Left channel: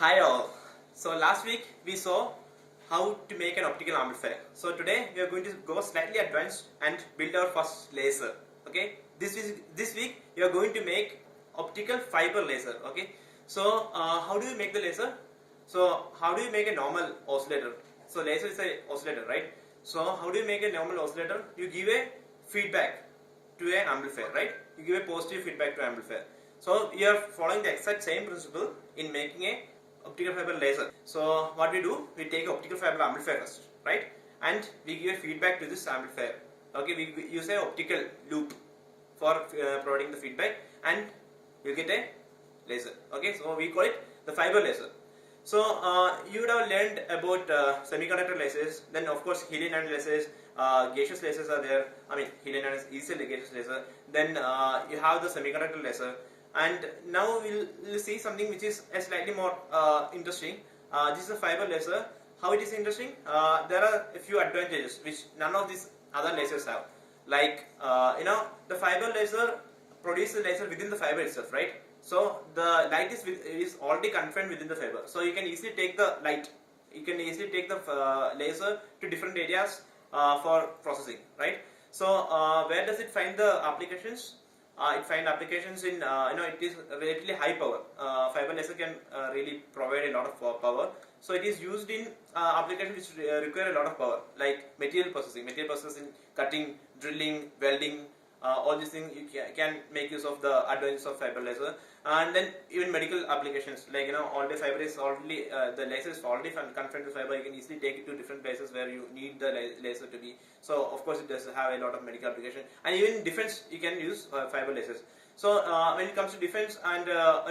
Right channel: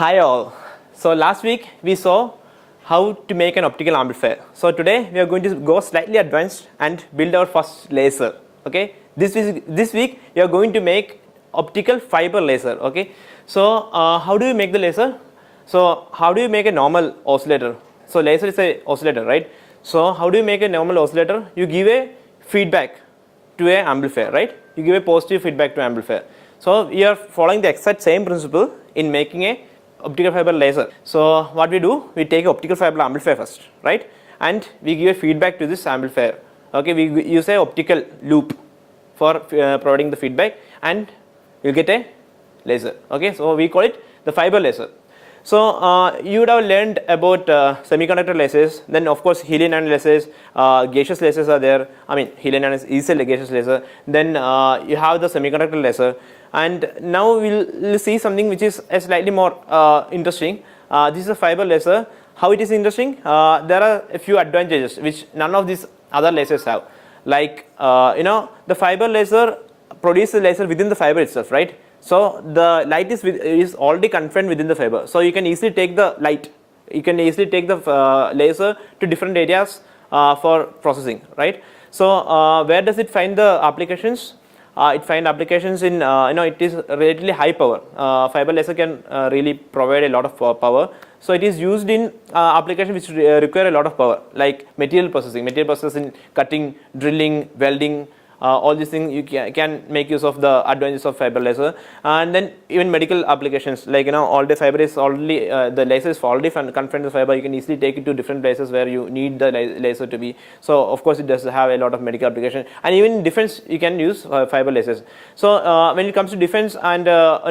Hi all. So last week we saw how to make an optical amplifier. So today we are going to go slightly advanced and build our first laser. Okay. This week we are going to make optical fiber laser. Okay. So how do you make the laser? So how do you make a normal oscillator? So laser is a oscillator, right? So how do you make a normal oscillator? You give a feedback to a amplifier, right? You give a positive feedback to amplifier. So we are following the exact same principle in making a optical fiber laser. So what we do, we take optical fiber amplifier first, right? And we give a feedback to this amplifier. Okay, we use a optical loop for providing the feedback, and you get a laser. Okay, so we call it the fiber laser. So you would have learned about semiconductor lasers. Then of course helium ion lasers, gaseous lasers are there. I mean helium ion is a gaseous laser. Then you have the semiconductor laser. And now we'll see something which is slightly more interesting. This is a fiber laser. How it is interesting? There are a few advantages which none of these other lasers have. Like the fiber laser produces the laser within the fiber itself, right? So the light is already confined within the fiber. So you can easily take the light. You can easily take the laser to different areas for processing, right? So where does it find the applications? It finds applications in it is relatively high power. Fiber laser can really provide a lot of power. So it is used in applications which require a lot of power, like material processing, cutting, drilling, welding. All these things you can make use of the advantages of fiber laser. And then even medical applications, like all the fiber is already the laser is already confined to the fiber. You can easily take it to different places where you need the laser to be. So of course it does have a lot of medical application, and even in defense you can use fiber lasers. So when it comes to defense and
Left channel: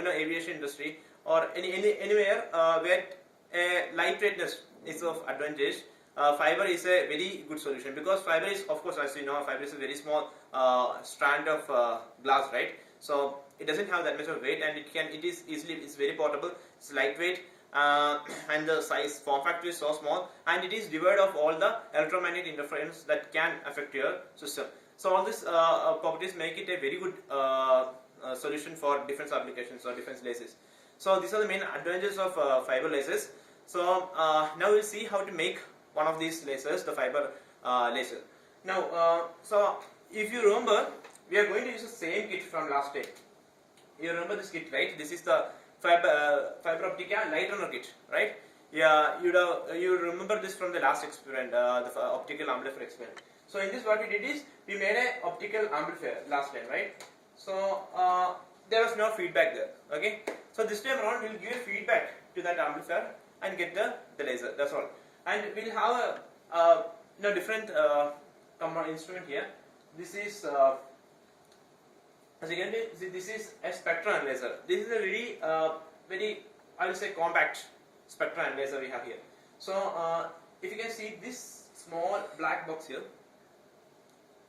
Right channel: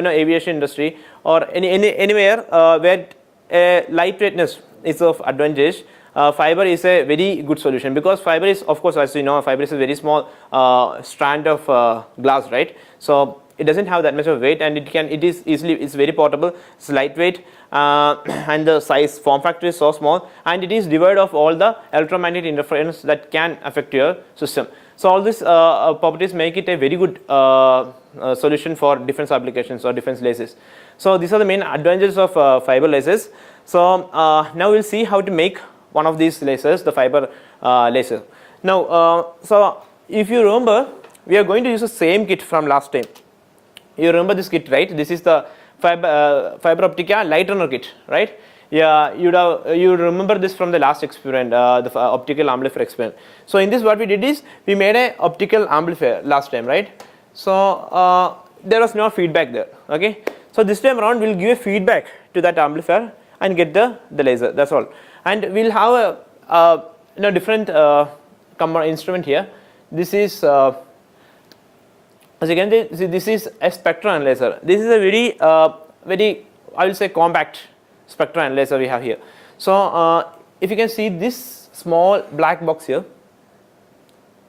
aviation industry or anywhere where lightweightness is of advantage, fiber is a very good solution, because fiber is, of course, as you know, fiber is a very small strand of glass, right? So it doesn't have that much of weight, and it's very portable, it's lightweight, and the form factor is so small, and it is devoid of all the electromagnetic interference that can affect your system. So all these properties make it a very good solution for defense applications or defense lasers. So these are the main advantages of fiber lasers. So now we'll see how to make one of these lasers, the fiber laser. Now, so if you remember, we are going to use the same kit from last time. You remember this kit, right? This is the fiber optica light runner kit, right? Yeah, you remember this from the last experiment, the optical amplifier experiment. So in this, what we did is we made a optical amplifier last time, right? So there was no feedback there. Okay. So this time around, we'll give a feedback to that amplifier and get the laser. That's all. And we'll have a different instrument here. This is as you can see, this is a spectral analyzer. This is a very I will say compact spectral analyzer we have here. So if you can see this small black box here,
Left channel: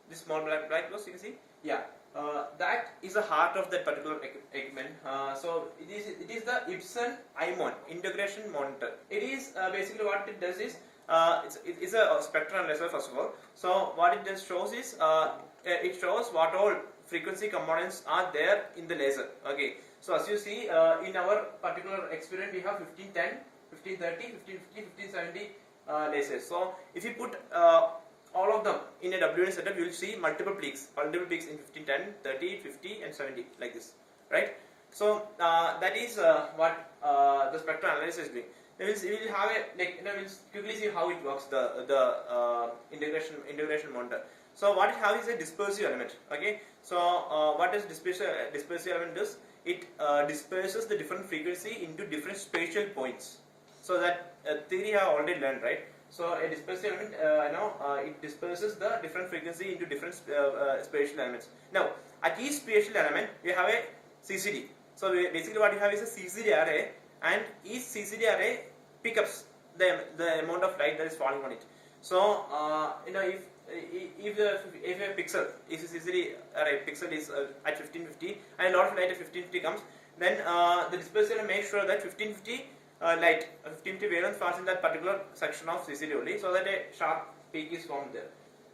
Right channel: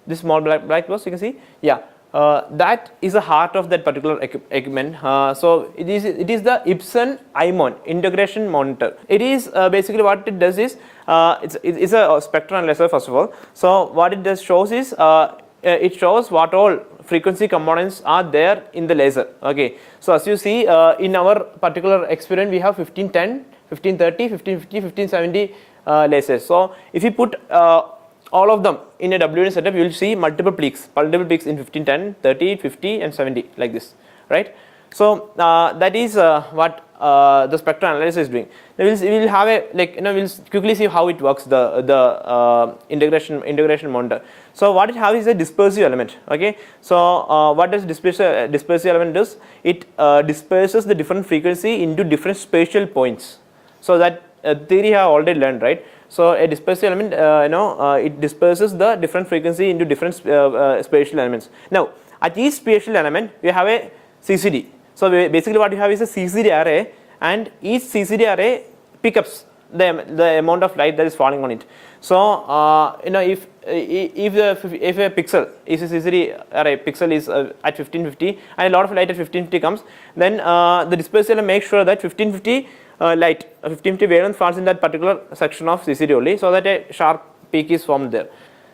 this small black box, you can see, yeah, that is the heart of that particular equipment. So it is the Epson IMON integration monitor. It is basically what it does is it's a spectral analyzer first of all. So what it does shows is it shows what all frequency components are there in the laser. Okay. So as you see in our particular experiment, we have 1510, 1530, 1550, 1570 lasers. So if you put all of them in a WN setup, you will see multiple peaks in 1510, 30, 50 and 70, like this, right? So that is what the spectral analysis is doing. Now we'll have a we'll quickly see how it works, the integration monitor. So what it has is a dispersive element. Okay. So what does dispersive element does? It disperses the different frequency into different spatial points. So that theory I have already learned, right? So a dispersive element, it disperses the different frequency into different spatial elements. Now at each spatial element we have a CCD. So basically what you have is a CCD array, and each CCD array picks up the amount of light that is falling on it. So if a pixel is a CCD array, pixel is at 1550 and a lot of light at 1550 comes, then the dispersive element makes sure that 1550 light 1550 wavelength falls in that particular section of CCD only, so that a sharp peak is formed there.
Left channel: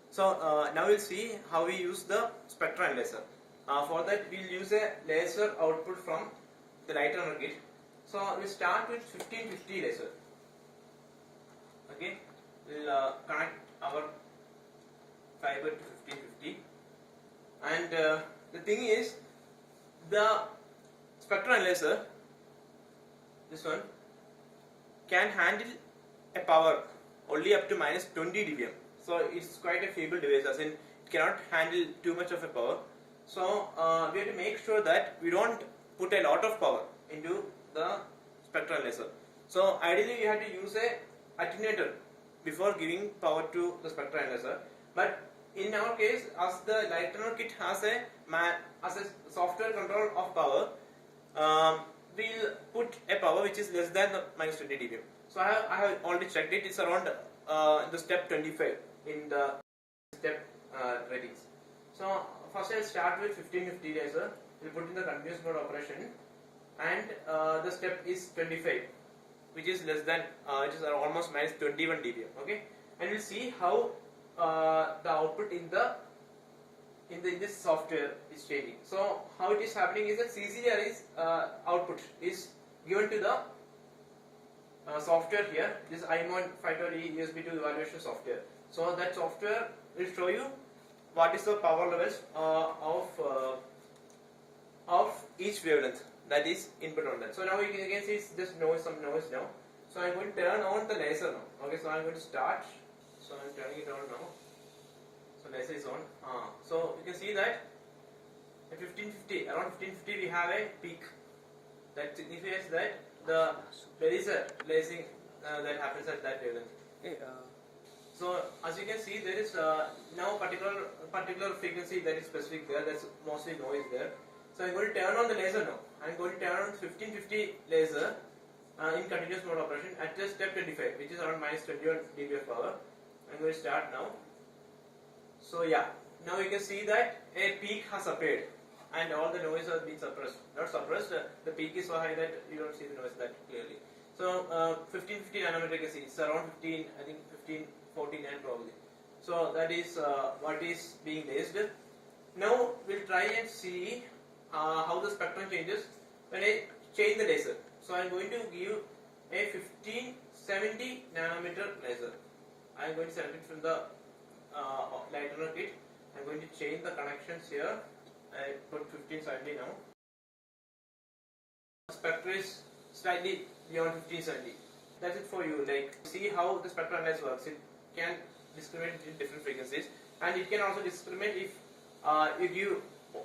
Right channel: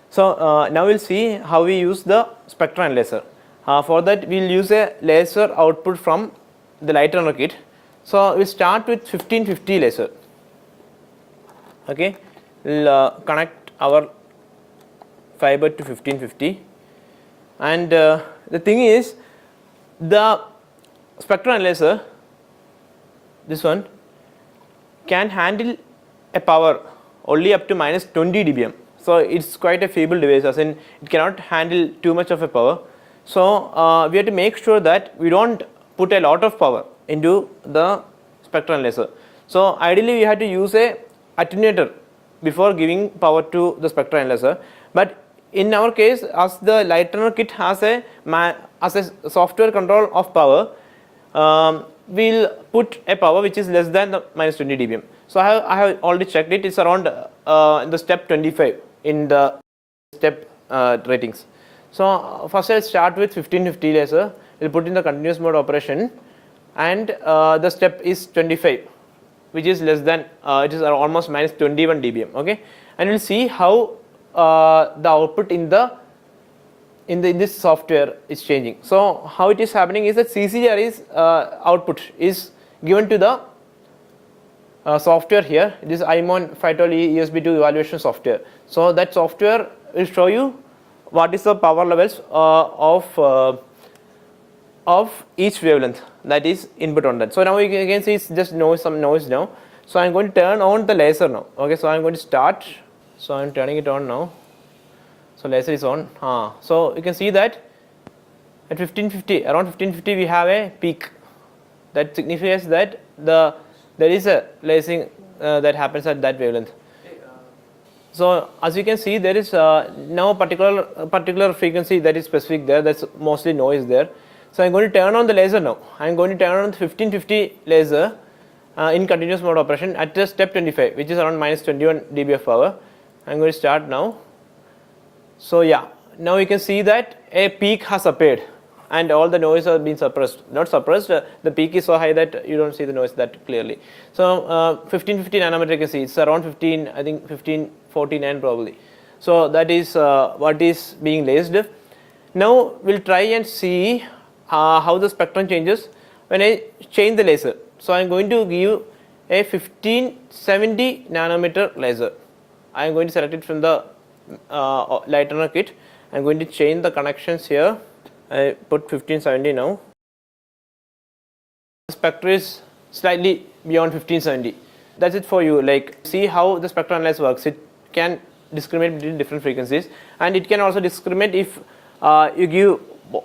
So now we'll see how we use the spectral analyzer. For that we'll use a laser output from the light runner kit. So we start with 1550 laser. Okay, we'll connect our fiber to 1550, and the thing is, the spectral analyzer, this one, can handle a power only up to minus 20 dBm. So it's quite a feeble device, as in it cannot handle too much of a power. So we have to make sure that we don't put a lot of power into the spectral analyzer. So ideally we have to use a attenuator before giving power to the spectral analyzer. But in our case, as the light runner kit has a software control of power, we'll put a power which is less than the minus 20 dBm. So I have already checked it. It's around the step 25 in the step ratings. So first I'll start with 1550 laser. We'll put in the continuous mode operation, and the step is 25, which is less than it is almost minus 21 dBm. Okay, and we'll see how the output in this software is changing. So how it is happening is that CCGR's output is given to the software here. It is IMON Phytol ESB2 evaluation software. So that software will show you what is the power levels of each wavelength that is input on that. So now you can see it's just some noise now. So I'm going to turn on the laser now. Okay, so I'm going to start. So I'm turning it on now. So laser is on. So you can see that at 1550, around 1550, we have a peak. That signifies that there is a lasing that happens at that wavelength. So as you can see, there is now particular frequency that is specific there. That's mostly noise there. So I'm going to turn on the laser now. I'm going to turn on the 1550 laser in continuous mode operation at the step 25, which is around minus 21 dB of power. I'm going to start now. So yeah, now you can see that a peak has appeared, and all the noise has been suppressed. Not suppressed, the peak is so high that you don't see the noise that clearly. So 1550 nanometer, you can see it's around 15, I think 1549 probably. So that is what is being lased. Now we'll try and see how the spectrum changes when I change the laser. So I'm going to give a 1570 nanometer laser. I'm going to select it from the light runner kit. I'm going to change the connections here. I put 1570 now. The spectrum is slightly beyond 1570. That's it for you. Like, see how the spectral analyzer works. It can discriminate between different frequencies, and it can also discriminate if you give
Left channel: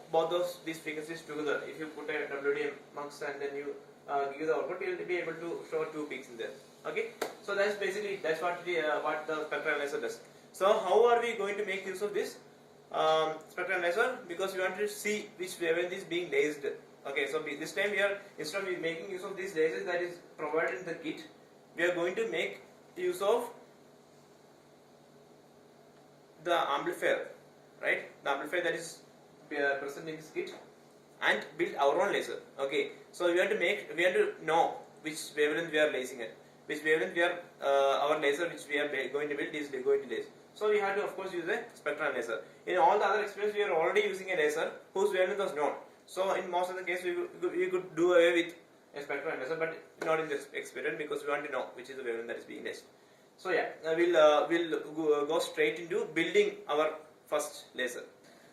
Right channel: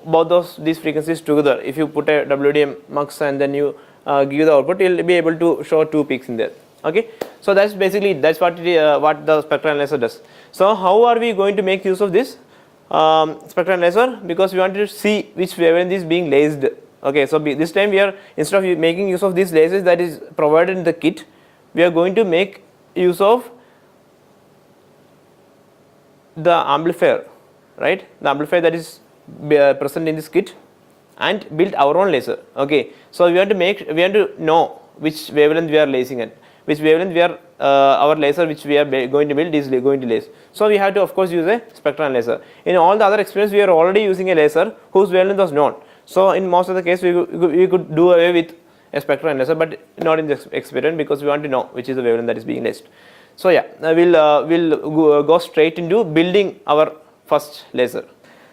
both these frequencies together. If you put a WDM mux and then you give the output, you'll be able to show two peaks in there. Okay, so that's basically what the spectral analyzer does. So how are we going to make use of this spectral analyzer? Because we want to see which wavelength is being lased. Okay, so this time we are, instead of making use of these lasers that is provided in the kit, we are going to make use of the amplifier, right? The amplifier that is present in this kit, and build our own laser. Okay, so we want to know which wavelength we are lasing at, which wavelength we are our laser which we are going to build is going to lace. So we have to of course use a spectral analyzer. In all the other experiments, we are already using a laser whose wavelength was known. So in most of the case, we could do away with a spectral analyzer, but not in this experiment, because we want to know which is the wavelength that is being laced. So yeah, we'll go straight into building our first laser.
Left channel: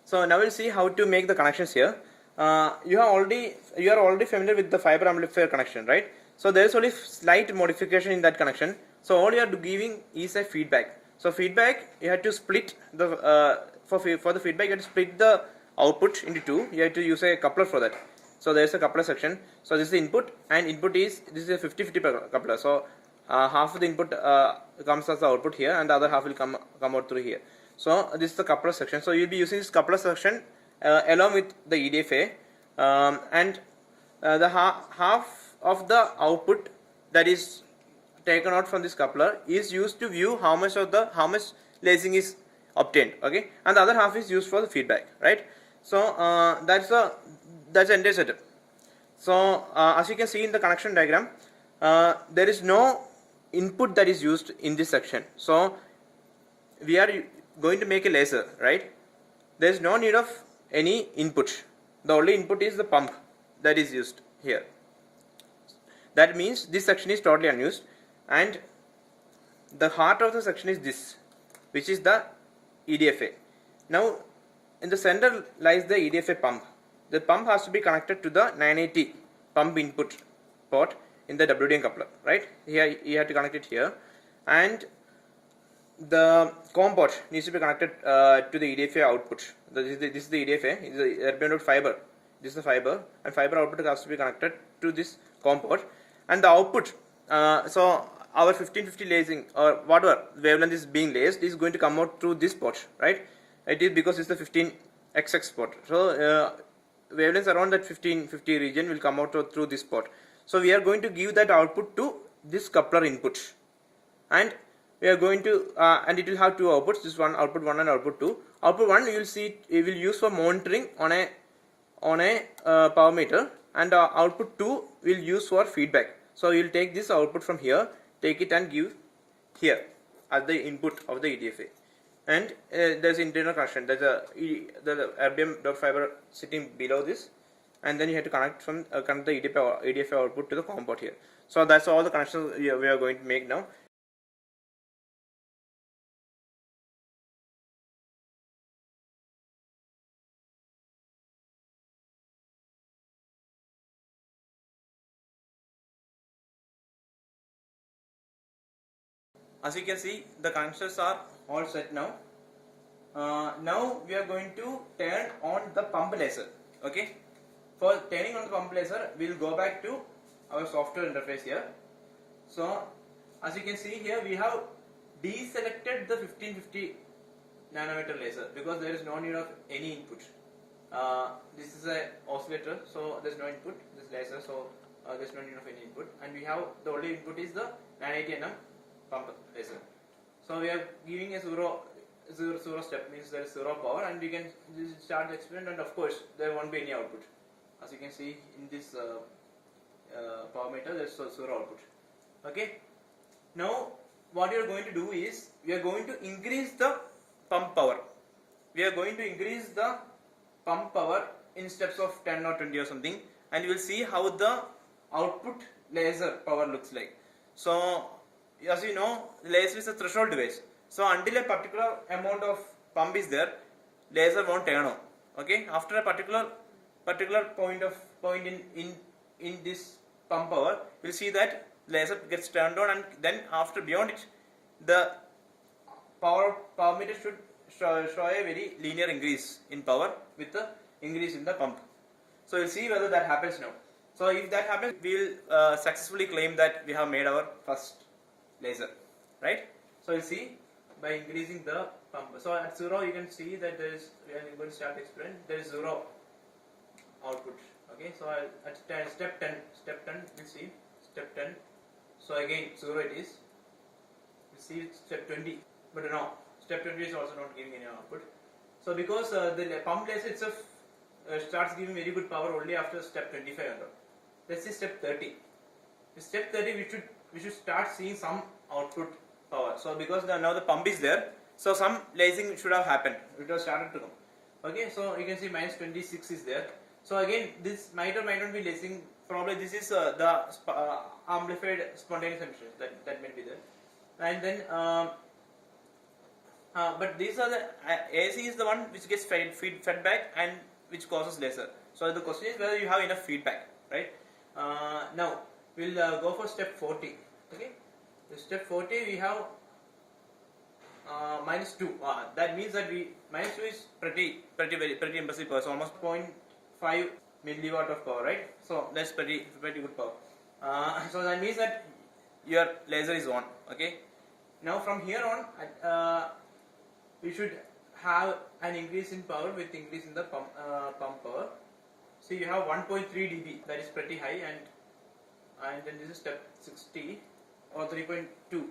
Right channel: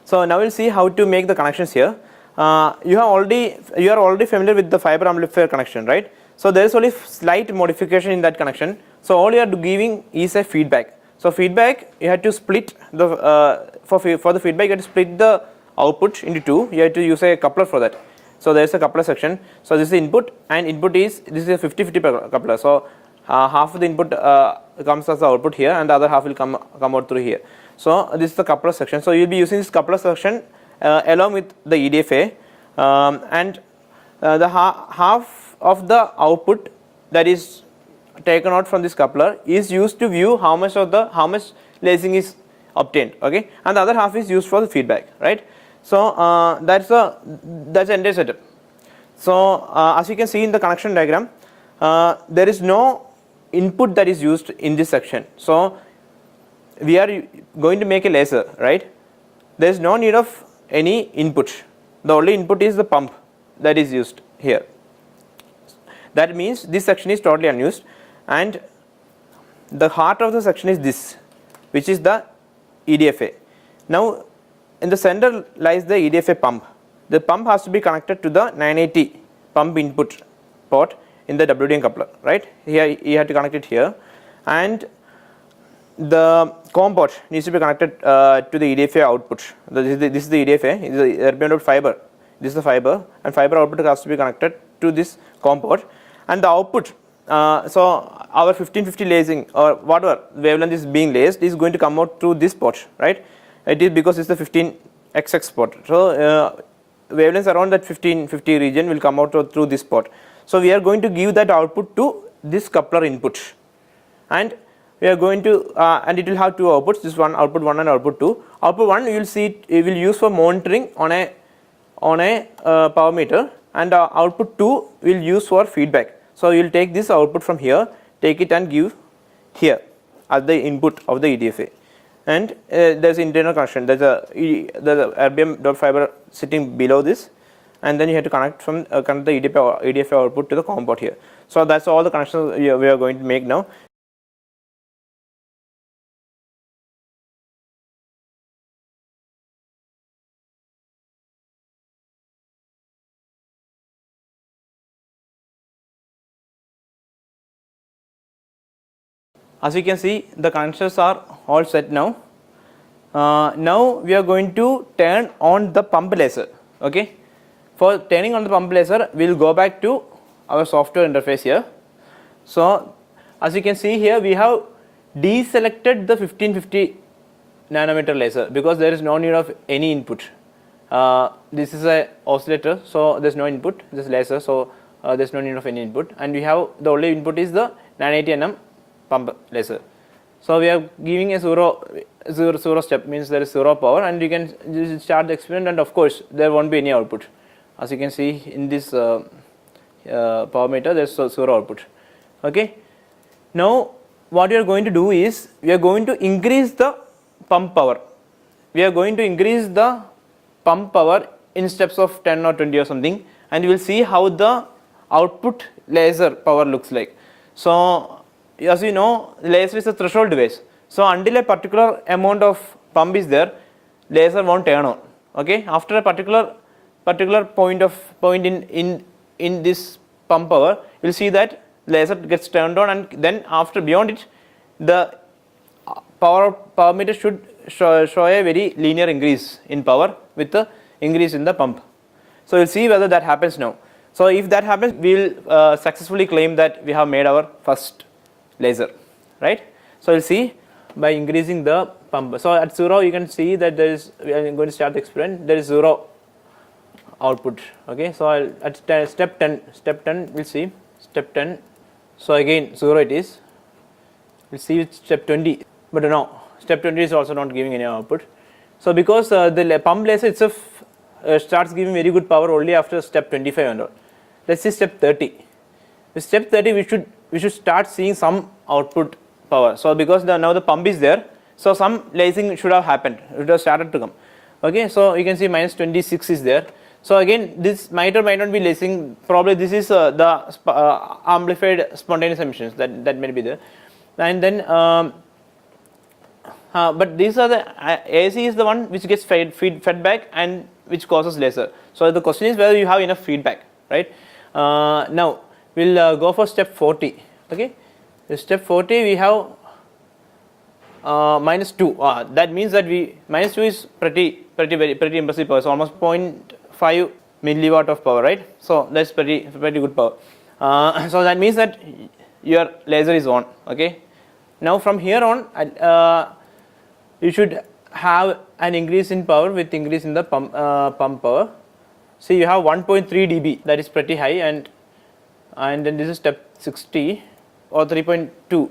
So now we'll see how to make the connections here. You are already familiar with the fiber amplifier connection, right? So there is only slight modification in that connection. So all you are giving is a feedback. So feedback, you have to split the for the feedback, you have to split the output into two. You have to use a coupler for that. So there is a coupler section. So this is input, and input is, this is a 50-50 coupler. So half of the input comes as the output here, and the other half will come out through here. So this is the coupler section. So you will be using this coupler section along with the EDFA, and the half of the output that is taken out from this coupler is used to view how much lacing is obtained. Okay, and the other half is used for the feedback, right? So that's the entire setup. So as you can see in the connection diagram, there is no input that is used in this section. So we are going to make a laser, right? There is no need of any input. The only input is the pump that is used here. That means this section is totally unused, and the heart of the section is this, which is the EDFA. Now in the center lies the EDFA pump. The pump has to be connected to the 980 pump input port in the WDM coupler, right? Here you have to connect it here, and the COM port needs to be connected to the EDFA output. This is the EDFA, this is the erbium fiber. This is the fiber, and fiber output has to be connected to this COM port, and the output. So our 1550 lacing or whatever wavelength is being laced is going to come out through this port, right? It is because it's the 15XX port. So wavelengths around that 1550 region will come out through this port. So we are going to give that output to this coupler input, and we are going to and it will have two outputs. This one output 1 and output 2. Output 1 you will see it will use for monitoring on a power meter, and output 2 will use for feedback. So you will take this output from here, take it and give here as the input of the EDFA, and there is internal connection. There is the erbium fiber sitting below this, and then you have to connect the EDFA output to the COM port here. So that's all the connections we are going to make now. As you can see, the connectors are all set now. Now we are going to turn on the pump laser. Okay, for turning on the pump laser, we will go back to our software interface here. So as you can see here, we have deselected the 1550 nanometer laser because there is no need of any input. This is a oscillator, so there is no input. This is laser, so there is no need of any input, and we have the only input is the 980 nm pump laser. So we are giving a zero step, means there is 0 power, and you can start the experiment, and of course there won't be any output. As you can see in this power meter, there is 0 output. Okay. Now what we are going to do is we are going to increase the pump power. We are going to increase the pump power in steps of 10 or 20 or something, and you will see how the output laser power looks like. So as you know, laser is a threshold device. So until a particular amount of pump is there, laser won't turn on. Okay, after a particular point in this pump power, you will see that laser gets turned on, and then after beyond it, the power meter should show a very linear increase in power with the increase in the pump. So you will see whether that happens now. So if that happens, we will successfully claim that we have made our first laser, right? So we'll see by increasing the pump. So at 0 you can see that there is, we are going to start the experiment, there is 0 output. Okay, so at step 10 we'll see step 10. So again 0 it is. We'll see with step 20, but no, step 20 is also not giving any output. So because the pump laser itself starts giving very good power only after step 25 and all. Let's see step 30. With step 30 we should start seeing some output power. So because now the pump is there, so some lacing should have happened, it has started to come. Okay, so you can see minus 26 is there. So again this might or might not be lacing, probably this is the amplified spontaneous emissions that may be there. And then but these are the AC is the one which gets fed back and which causes laser. So the question is whether you have enough feedback, right? Now we'll go for step 40. Okay, in step 40 we have minus 2. That means that minus 2 is pretty impressive power. So almost 0.5 milliwatt of power, right? So that's pretty good power. So that means that your laser is on. Okay, now from here on you should have an increase in power with increase in the pump power. See, you have 1.3 dB, that is pretty high, and then this is step 60 or 3.2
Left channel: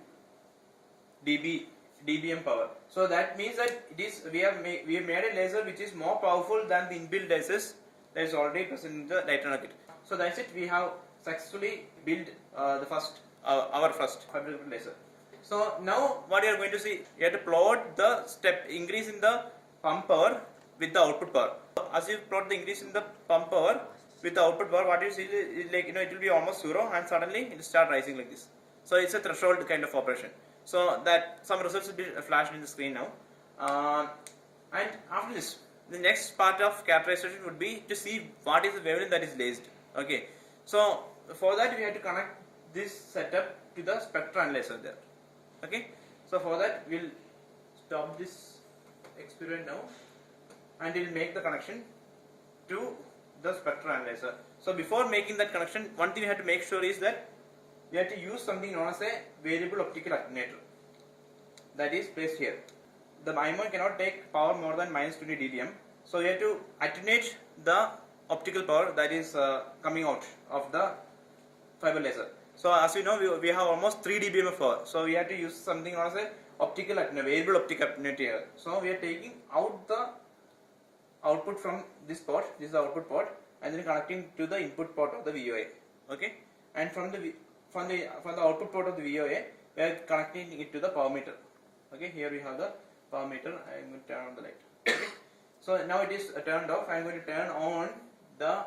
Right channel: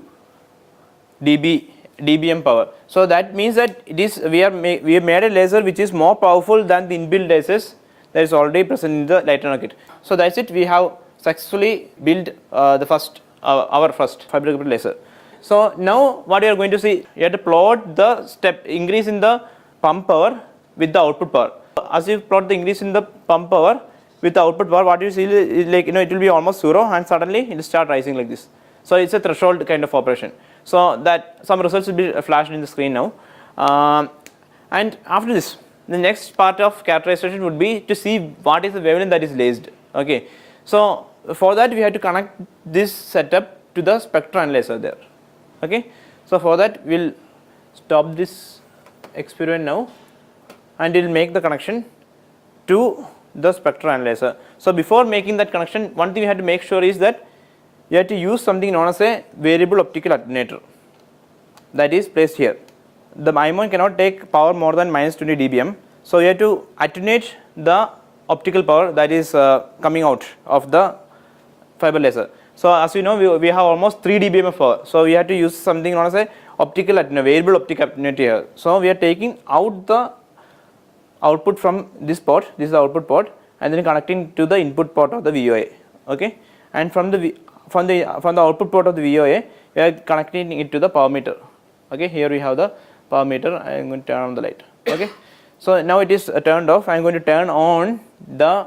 dBm power. So that means that it is we have made a laser which is more powerful than the inbuilt lasers that is already present in the LightNano kit. So that's it, we have successfully built our first fiber optic laser. So now what you are going to see, you have to plot the step increase in the pump power with the output power. As you plot the increase in the pump power, with the output power, what you see is like, it will be almost 0 and suddenly it will start rising like this. So it's a threshold kind of operation. So that some results will be flashed in the screen now. And after this, the next part of characterization would be to see what is the wavelength that is laced. Okay. So for that we have to connect this setup to the spectral analyzer there. Okay. So for that we'll stop this experiment now and we'll make the connection to the spectral analyzer. So before making that connection, one thing you have to make sure is that you have to use something known as a variable optical attenuator that is placed here. The imon cannot take power more than minus 20 dBm. So you have to attenuate the optical power that is coming out of the fiber laser. So as you know, we have almost 3 dBm of power. So we have to use something known as a optical attenuator, variable optical attenuator here. So we are taking out the output from this port. This is the output port, and then connecting to the input port of the VOA. Okay, and from the output port of the VOA, we are connecting it to the power meter. Okay, here we have the power meter. I am going to turn on the light. Okay, so now it is turned off. I am going to turn on the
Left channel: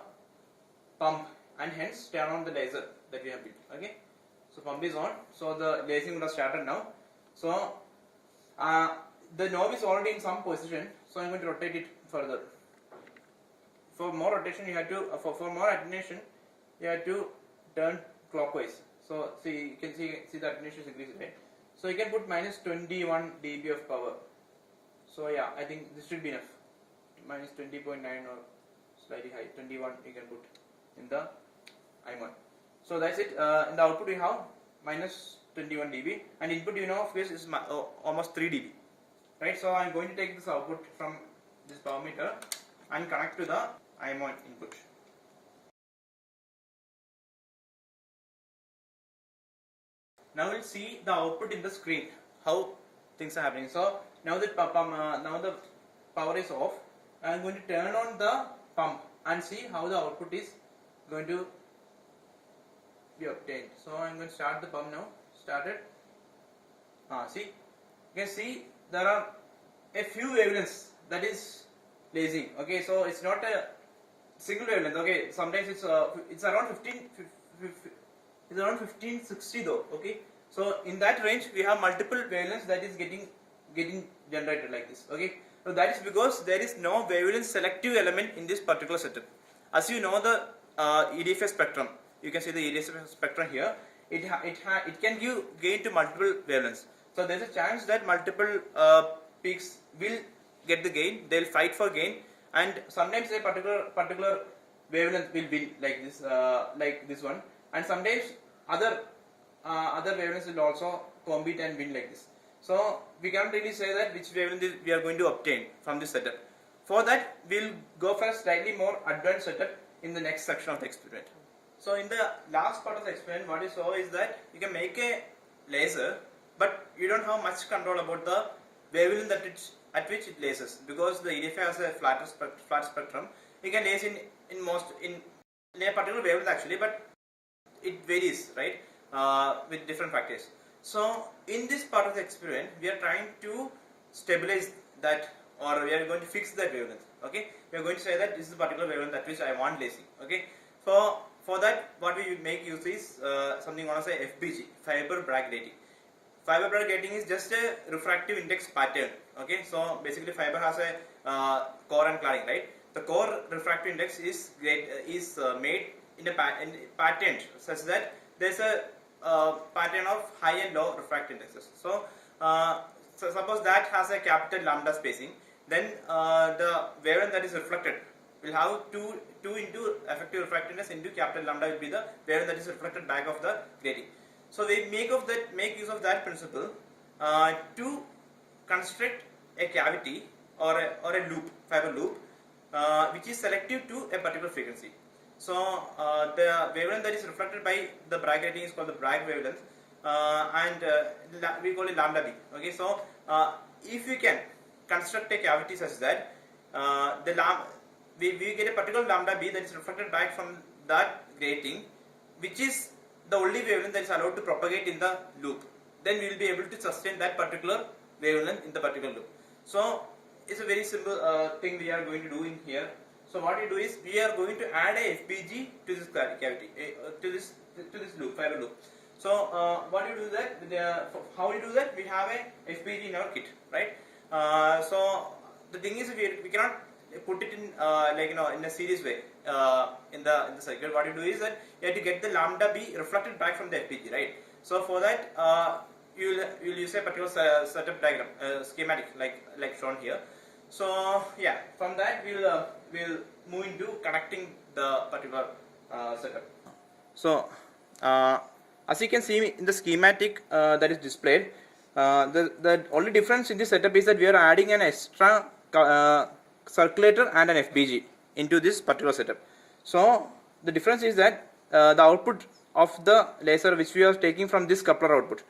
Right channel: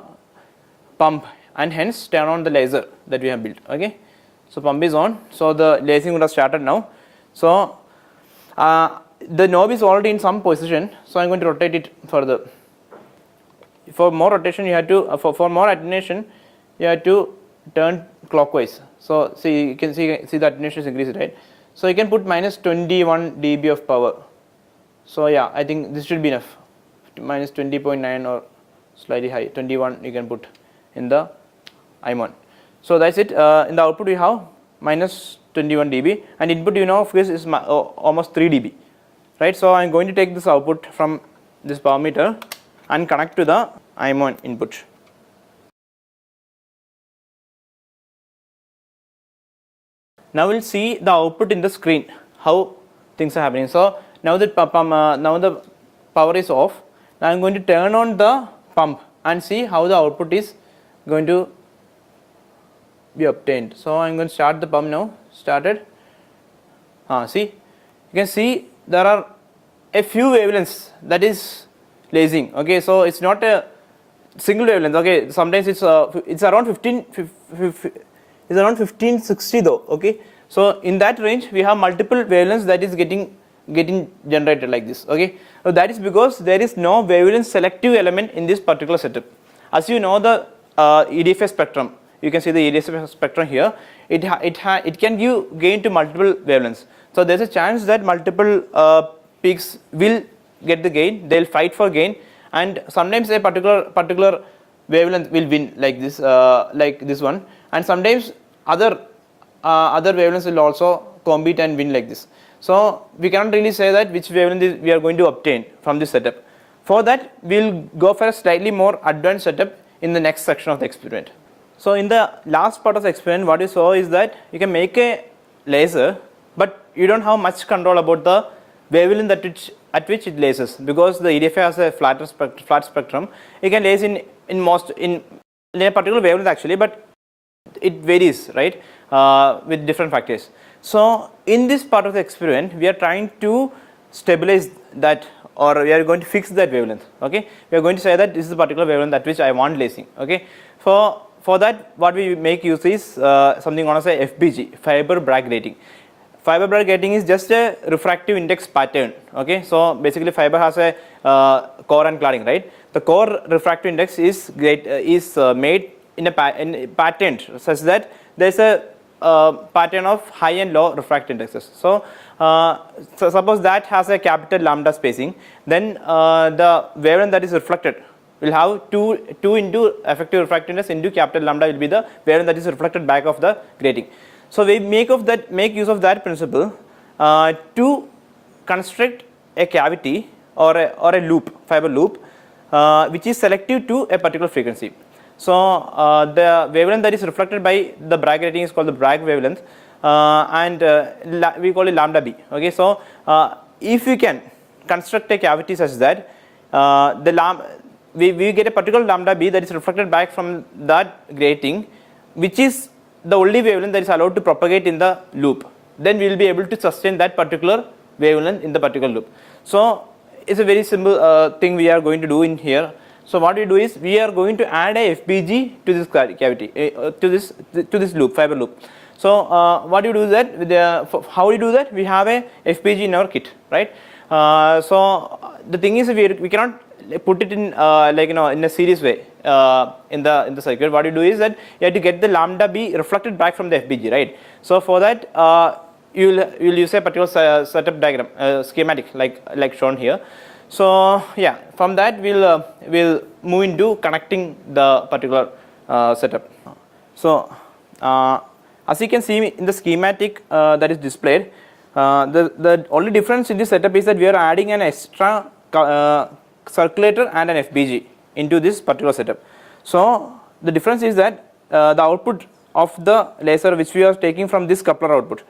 pump and hence turn on the laser that we have built. Okay, so pump is on. So the lasing would have started now. So the knob is already in some position, so I am going to rotate it further. For more rotation, you have to for more attenuation, you have to turn clockwise. So see, you can see the attenuation is increased, right? So you can put minus 21 dB of power. So yeah, I think this should be enough. Minus 20.9 or slightly high, 21 you can put in the imon. So that's it. In the output we have minus 21 dB, and input of course is almost 3 dB. Right, so I am going to take this output from this power meter and connect to the imon input. Now we'll see the output in the screen, how things are happening. So now that now the power is off. Now I am going to turn on the pump and see how the output is going to be obtained. So I am going to start the pump now. Started. See, you can see there are a few wavelengths that is lasing. Okay, so it's not a single wavelength. Okay, sometimes it's around 1560 though. Okay, so in that range we have multiple wavelengths that is getting generated like this. Okay, so that is because there is no wavelength selective element in this particular setup. As you know, the EDFA spectrum, you can see the EDFA spectrum here. It can give gain to multiple wavelengths. So there is a chance that multiple peaks will get the gain. They will fight for gain, and sometimes a particular wavelength will win like this one, and sometimes other wavelengths will also compete and win like this. So we cannot really say that which wavelength we are going to obtain from this setup. For that, we will go for a slightly more advanced setup in the next section of the experiment. So in the last part of the experiment, what you saw is that you can make a laser, but you don't have much control about the wavelength at which it lasers, because the EDFA has a flat spectrum. You can laser in a particular wavelength actually, but it varies, right, with different factors. So in this part of the experiment, we are trying to stabilize that, or we are going to fix that wavelength. Okay, we are going to say that this is the particular wavelength at which I want lasing. Okay, for that, what we make use is something known as a FBG, fiber Bragg grating. Fiber Bragg grating is just a refractive index pattern. Okay, so basically fiber has a core and cladding, right? The core refractive index is made in a pattern such that there is a pattern of high and low refractive indexes. So suppose that has a capital lambda spacing, then the wavelength that is reflected will have 2 into effective refractive index into capital lambda will be the wavelength that is reflected back of the grating. So we make use of that principle to construct a cavity or a loop, fiber loop, which is selective to a particular frequency. So the wavelength that is reflected by the Bragg grating is called the Bragg wavelength, and we call it lambda b. Okay, so if we can construct a cavity such that we get a particular lambda b that is reflected back from that grating, which is the only wavelength that is allowed to propagate in the loop, then we will be able to sustain that particular wavelength in the particular loop. So it's a very simple thing we are going to do in here. So what we do is we are going to add a FPG to this cavity, to this loop, fiber loop. So what you do is that with how we do that, we have a FPG in our kit, right? So the thing is we cannot put it in like in a series way in the circuit. What you do is that you have to get the lambda B reflected back from the FPG, right? So for that you'll use a particular setup diagram, schematic like shown here. So yeah, from that we'll move into connecting the particular setup. So as you can see in the schematic that is displayed, the only difference in this setup is that we are adding an extra circulator and an FPG into this particular setup. So the difference is that the output of the laser which we are taking from this coupler output,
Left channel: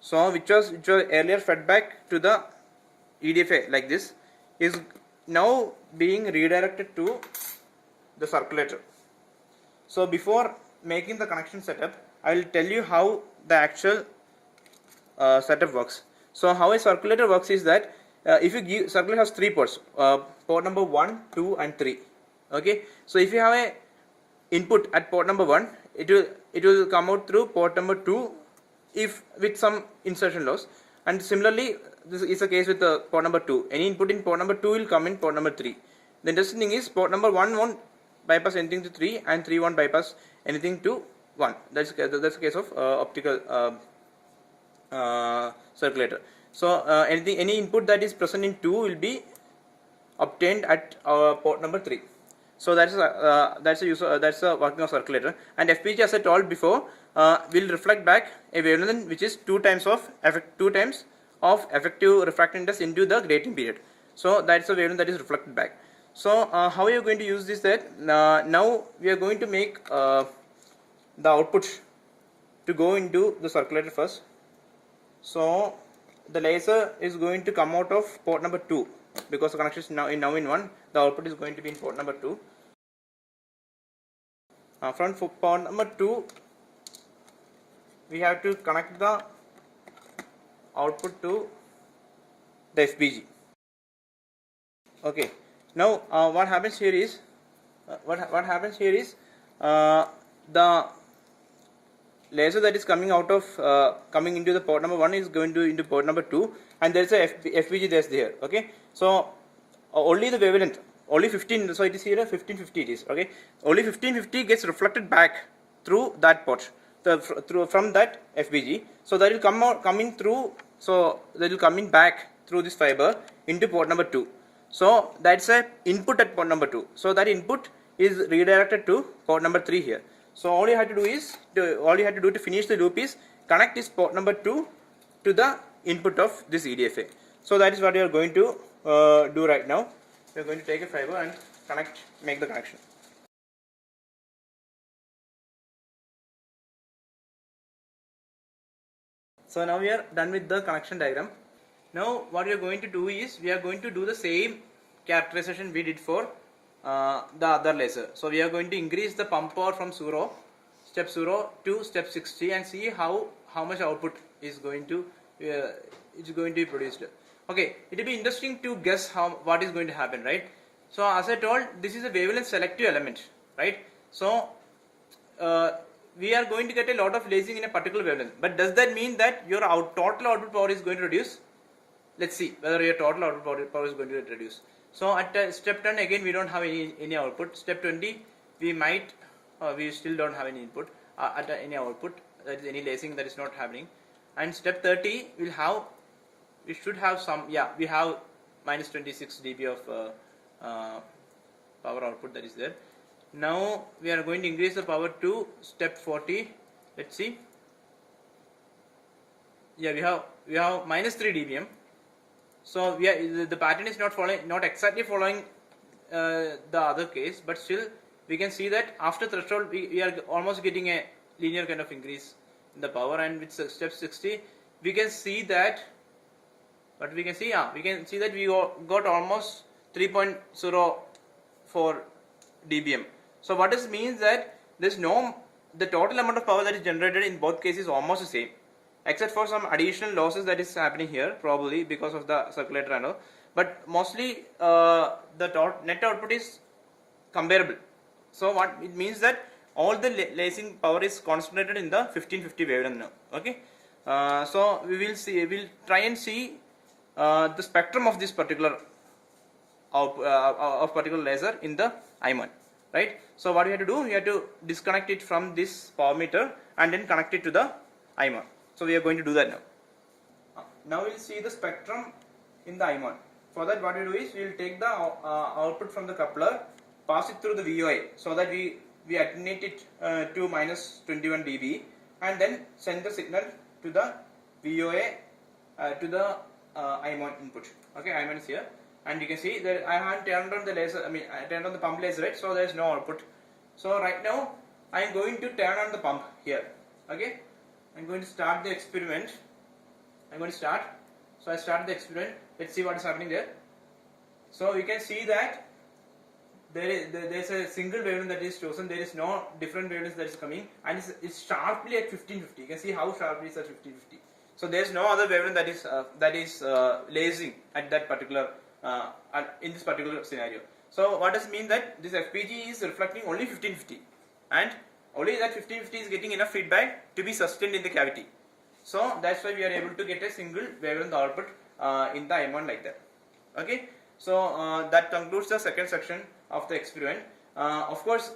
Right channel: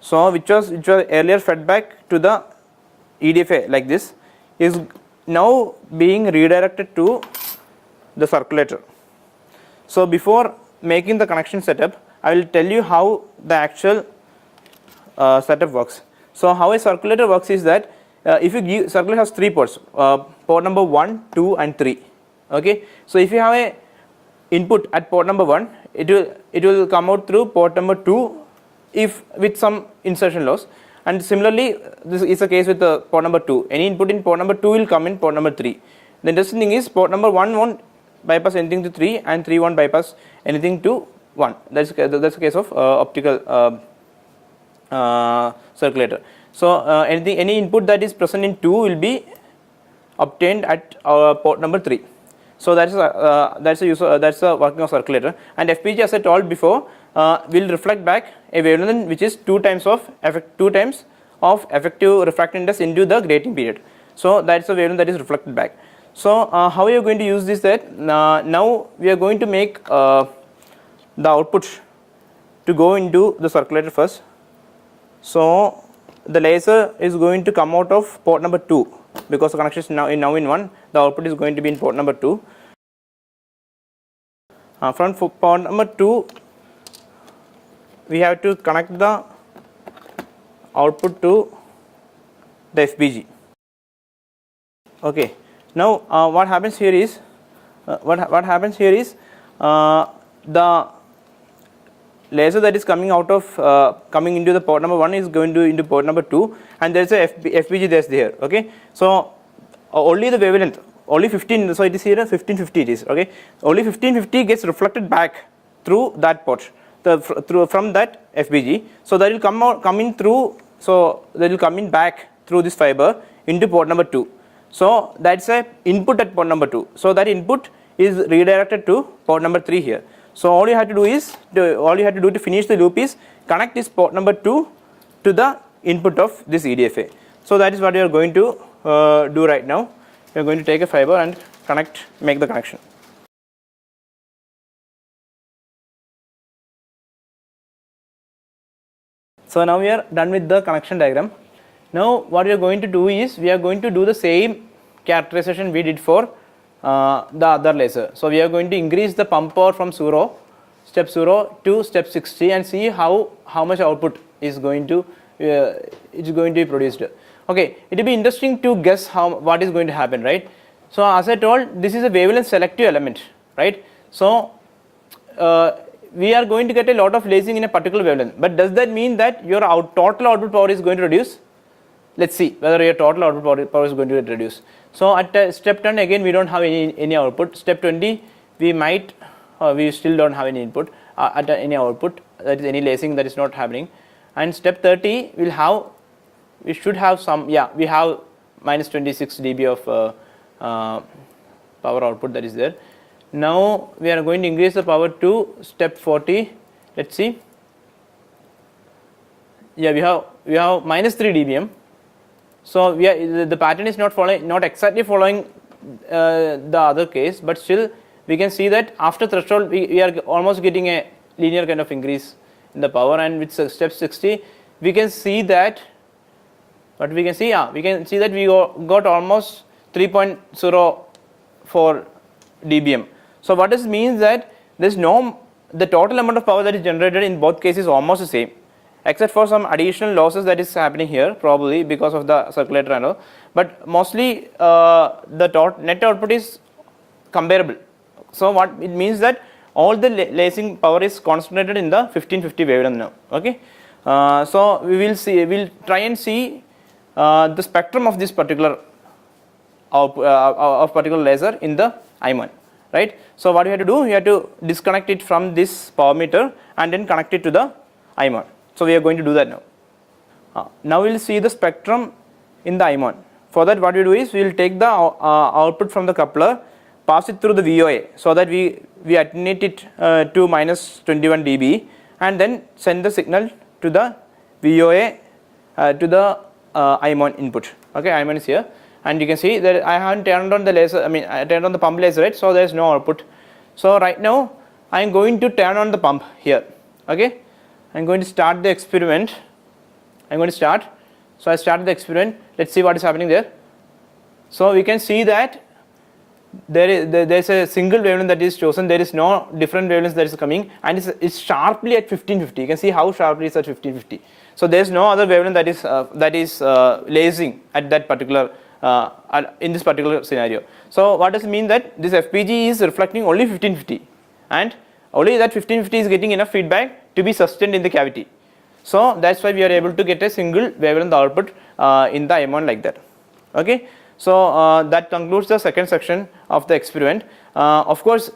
so which was earlier fed back to the EDFA like this, is now being redirected to the circulator. So before making the connection setup, I will tell you how the actual setup works. So how a circulator works is that if you give, circulator has 3 ports, port number 1, 2 and 3. Okay, so if you have a input at port number 1, it will come out through port number 2 if with some insertion loss, and similarly this is the case with the port number 2. Any input in port number 2 will come in port number 3. The interesting thing is port number 1 won't bypass anything to 3 and 3 won't bypass anything to 1. That's the case of optical circulator. So any input that is present in 2 will be obtained at port number 3. So that's the working of circulator. And FPG, as I told before, will reflect back a wavelength which is 2 times of effective refractive index into the grating period. So that's the wavelength that is reflected back. So how are you going to use this? That now we are going to make the output to go into the circulator first. So the laser is going to come out of port number 2 because the connection is now in 1. The output is going to be in port number 2. From port number 2, we have to connect the output to the FPG. Okay. Now what happens here is the laser that is coming out of coming into the port number 1 is going to into port number 2, and there is a FPG that's there. Okay, so only the wavelength, only 15, so it is here 1550 it is. Okay, only 1550 gets reflected back through that port, from that FPG. So that will come in through, so that will come in back through this fiber into port number 2. So that's a input at port number 2. So that input is redirected to port number 3 here. So all you have to do to finish the loop is connect this port number 2 to the input of this EDFA. So that is what we are going to do right now. We are going to take a fiber and make the connection. So now we are done with the connection diagram. Now what we are going to do is we are going to do the same characterization we did for the other laser. So we are going to increase the pump power from step 0 to step 60 and see how much output is going to be produced. Okay, it will be interesting to guess what is going to happen, right? So as I told, this is a wavelength selective element, right? So we are going to get a lot of lasing in a particular wavelength, but does that mean that your total output power is going to reduce? Let's see whether your total output power is going to get reduced. So at step 10 again we don't have any output. Step 20 we still don't have any input at any output, that is any lasing that is not happening. And step 30 we should have some, we have minus 26 dB of power output that is there. Now we are going to increase the power to step 40. Let's see. Yeah, we have minus 3 dBm. So the pattern is not exactly following the other case, but still we can see that after threshold we are almost getting a linear kind of increase in the power, and with step 60 we can see that we got almost 3.04 dBm. So what this means that the total amount of power that is generated in both cases is almost the same, except for some additional losses that is happening here, probably because of the circulator and all. But mostly the net output is comparable. So what it means that all the lasing power is concentrated in the 1550 wavelength now. Okay, so we'll try and see the spectrum of this particular of particular laser in the I1, right? So what we have to do, we have to disconnect it from this power meter and then connect it to the I1. So we are going to do that now. Now we will see the spectrum in the I1. For that, what we do is we will take the output from the coupler, pass it through the VOA, so that we attenuate it to minus 21 dB, and then send the signal to the VOA to the I1 input. Okay, I1 is here, and you can see that I haven't turned on the laser. I turned on the pump laser, right? So there is no output. So right now I am going to turn on the pump here. Okay, I am going to start the experiment. I'm going to start. So I started the experiment. Let's see what is happening there. So we can see that there is a single wavelength that is chosen. There is no different wavelengths that is coming, and it's sharply at 1550. You can see how sharply it's at 1550. So there is no other wavelength that is lasing at that particular in this particular scenario. So what does it mean? That this FPG is reflecting only 1550, and only that 1550 is getting enough feedback to be sustained in the cavity. So that's why we are able to get a single wavelength output in the M1 like that. Okay, so that concludes the second section of the experiment. Of course,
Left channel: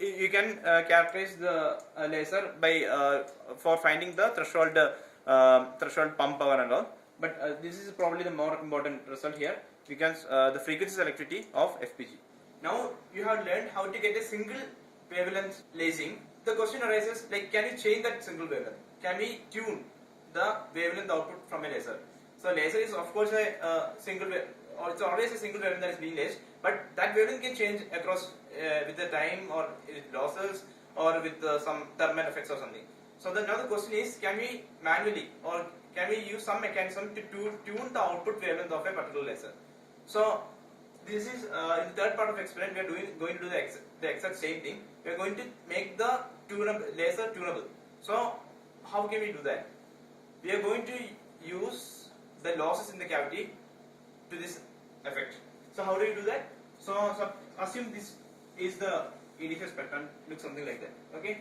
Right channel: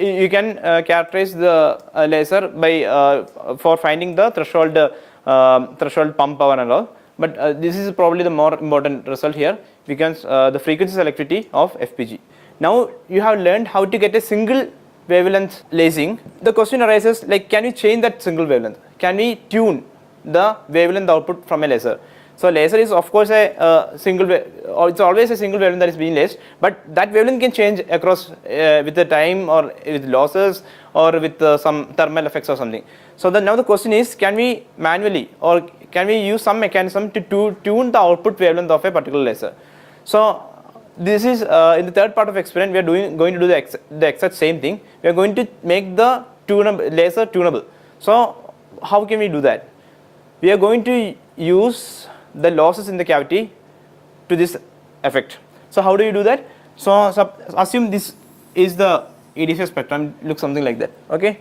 you can characterize the laser by for finding the threshold pump power and all. But this is probably the more important result here, because the frequency selectivity of FPG. Now you have learned how to get a single wavelength lasing. The question arises, like, can we change that single wavelength? Can we tune the wavelength output from a laser? So laser is of course a single or it's always a single wavelength that is being lased, but that wavelength can change across with the time, or with losses, or with some thermal effects or something. So now the question is, can we manually, or can we use some mechanism to tune the output wavelength of a particular laser? So this is in the third part of experiment, we are going to do the exact same thing. We are going to make the laser tunable. So how can we do that? We are going to use the losses in the cavity to this effect. So how do you do that? So assume this is the EDFA spectrum, looks something like that. Okay,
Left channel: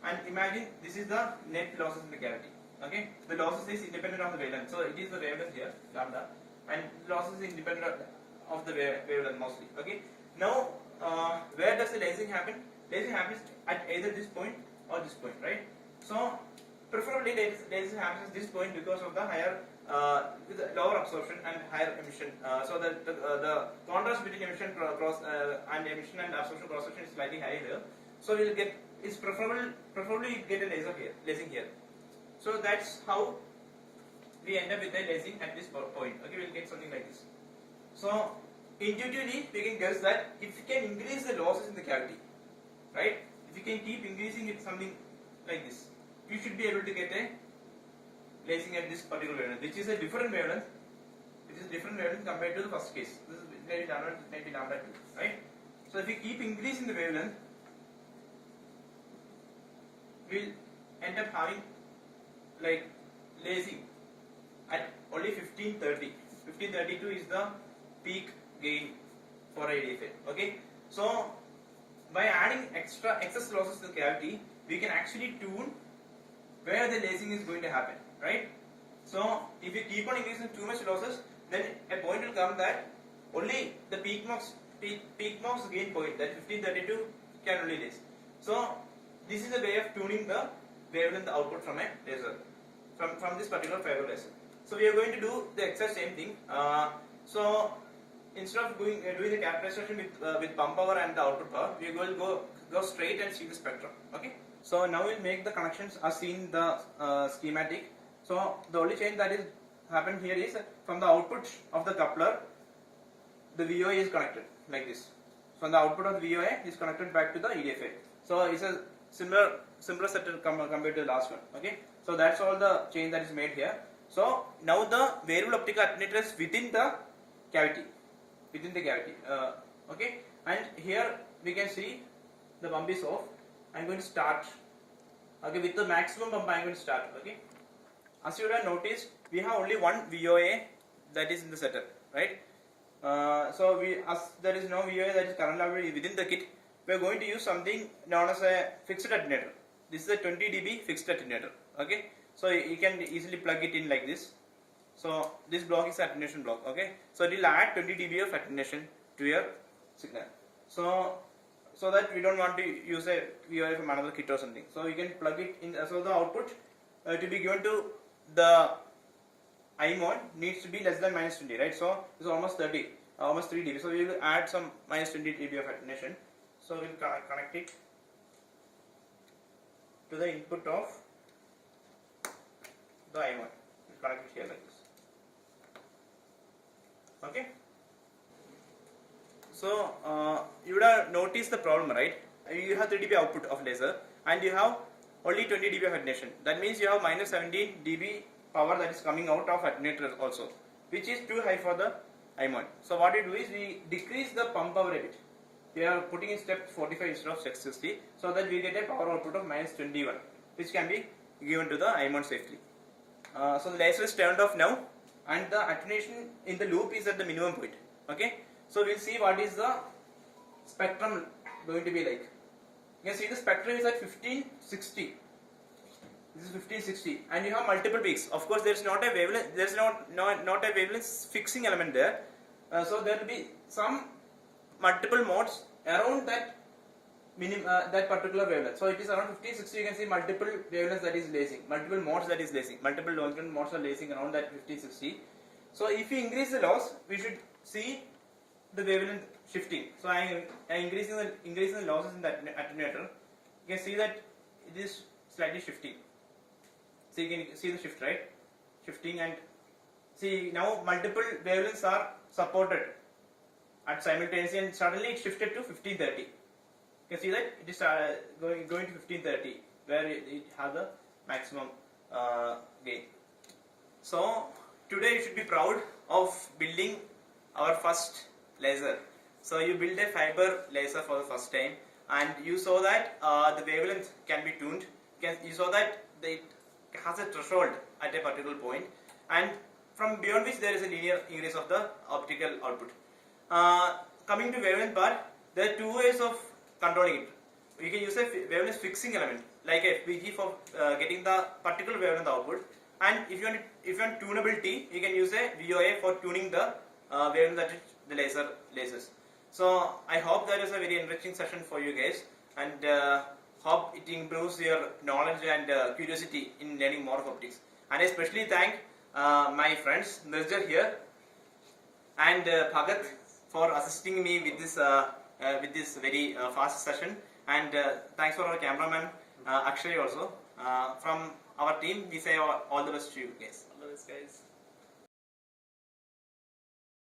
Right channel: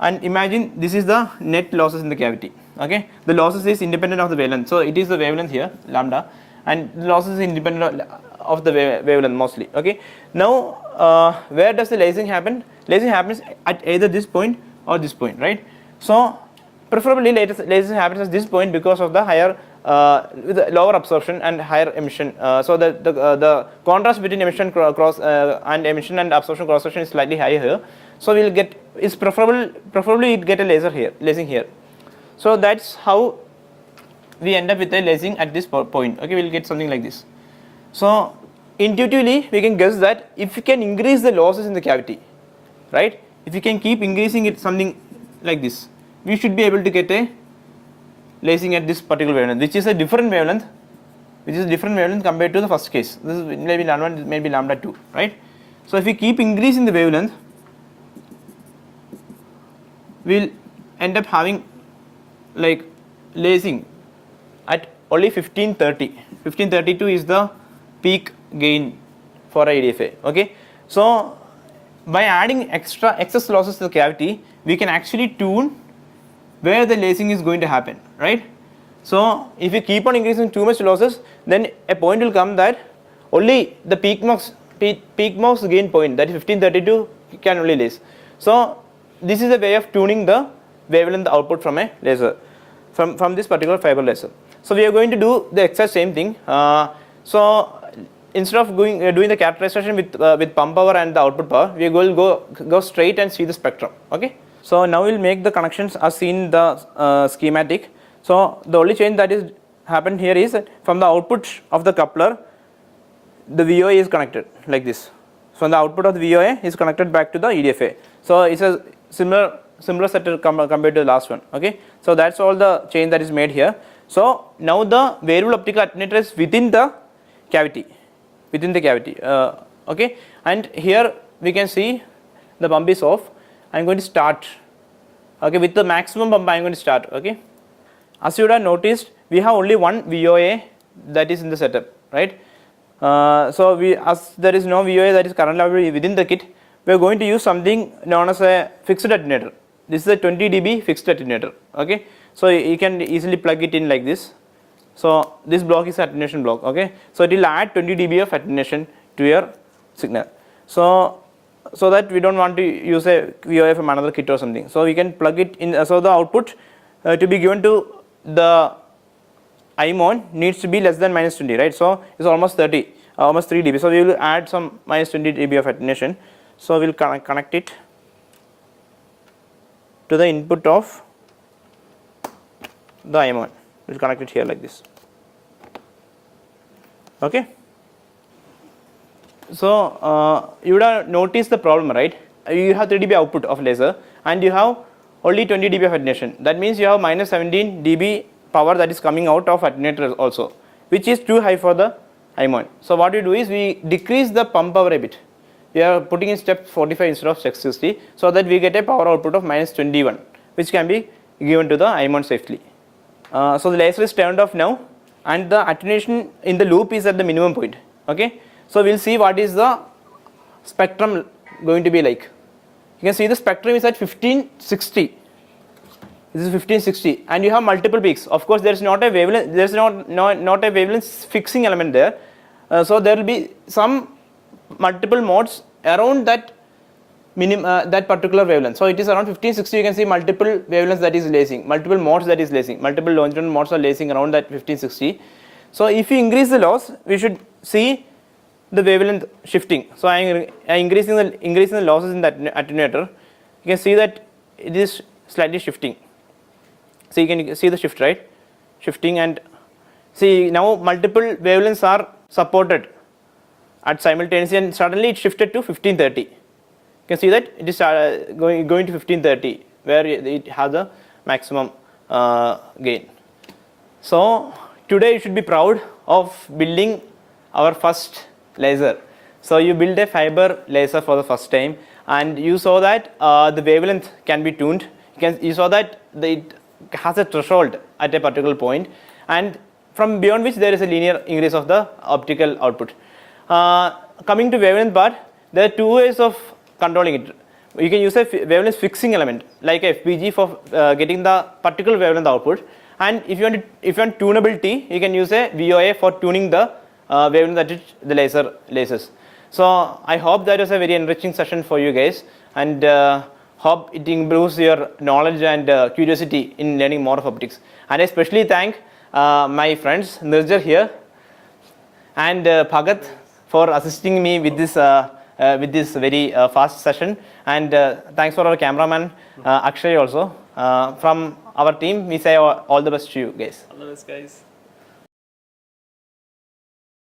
and imagine this is the net losses in the cavity. Okay, the losses is independent of the wavelength. So it is the wavelength here, lambda, and the losses is independent of the wavelength mostly. Okay, now where does the lasing happen? Lasing happens at either this point or this point, right? So preferably lasing happens at this point because of the higher with lower absorption and higher emission. So the contrast between emission and emission and absorption cross section is slightly higher here. So we'll get, it's preferably it get a lasing here. So that's how we end up with a lasing at this point. Okay, we'll get something like this. So intuitively we can guess that if you can increase the losses in the cavity, right? If you can keep increasing it something like this, we should be able to get a lasing at this particular wavelength, which is a different wavelength, compared to the first case. This is maybe lambda 1, maybe lambda 2, right? So if we keep increasing the wavelength, we'll end up having like lasing at only 1530. 1532 is the peak gain for a EDFA. Okay, so by adding excess losses to the cavity, we can actually tune where the lasing is going to happen, right? So if you keep on increasing too much losses, then a point will come that only the peak max gain point, that is 1532, can only lase. So this is a way of tuning the wavelength output from a laser, from this particular fiber laser. So we are going to do the exact same thing. So instead of doing the characterization with pump power and the output power, we will go straight and see the spectrum. Okay. So now we'll make the connections as seen in the schematic. So the only change that is happened here is that from the output of the coupler, the VOA is connected like this. So the output of the VOA is connected back to the EDFA. So it's a similar setup compared to the last one. Okay. So that's all the change that is made here. So now the variable optical attenuator is within the cavity. Okay, and here we can see the pump is off. I am going to start. Okay, with the maximum pump I am going to start. Okay, as you would have noticed, we have only one VOA that is in the setup, right? So as there is no VOA that is currently available within the kit, we are going to use something known as a fixed attenuator. This is a 20 dB fixed attenuator. Okay, so you can easily plug it in like this. So this block is attenuation block. Okay, so it will add 20 dB of attenuation to your signal. So that we don't want to use a VOA from another kit or something. So we can plug it in. So the output to be given to the IMON needs to be less than minus 20, right? So it's almost 30, almost 3 dB. So we will add some minus 20 dB of attenuation. So we'll connect it to the input of the IMON. We'll connect it here like this. Okay. So you would have noticed the problem, right? You have 3 dB output of laser and you have only 20 dB of attenuation. That means you have minus 17 dB power that is coming out of attenuator also, which is too high for the IMON. So what we do is we decrease the pump power a bit. We are putting in step 45 instead of step 60, so that we get a power output of minus 21, which can be given to the IMON safely. So the laser is turned off now and the attenuation in the loop is at the minimum point. Okay, so we'll see what is the spectrum going to be like. You can see the spectrum is at 1560. This is 1560 and you have multiple peaks. Of course there is not a wavelength, there is not a wavelength fixing element there. So there will be some multiple modes around that that particular wavelength. So it is around 1560. You can see multiple wavelengths that is lacing, multiple modes that is lacing, multiple longitudinal modes are lacing around that 1560. So if you increase the loss, we should see the wavelength shifting. So I am increasing the losses in that attenuator. You can see that it is slightly shifting. So you can see the shift, right? Shifting, and see now multiple wavelengths are supported at simultaneously and suddenly it shifted to 1530. You can see that it is going to 1530 where it has the maximum gain. So today you should be proud of building our first laser. So you build a fiber laser for the first time and you saw that the wavelength can be tuned. You saw that it has a threshold at a particular point and from beyond which there is a linear increase of the optical output. Coming to wavelength part, there are two ways of controlling it. You can use a wavelength fixing element like FPG for getting the particular wavelength output, and if you want tunability, you can use a VOA for tuning the wavelength that the laser lasers. So I hope that was a very enriching session for you guys, and hope it improves your knowledge and curiosity in learning more of optics. And I especially thank my friends Nirjar here and Bhagat for assisting me with this very fast session, and thanks for our cameraman Akshay also. From our team, we say all the best to you guys. All the best, guys.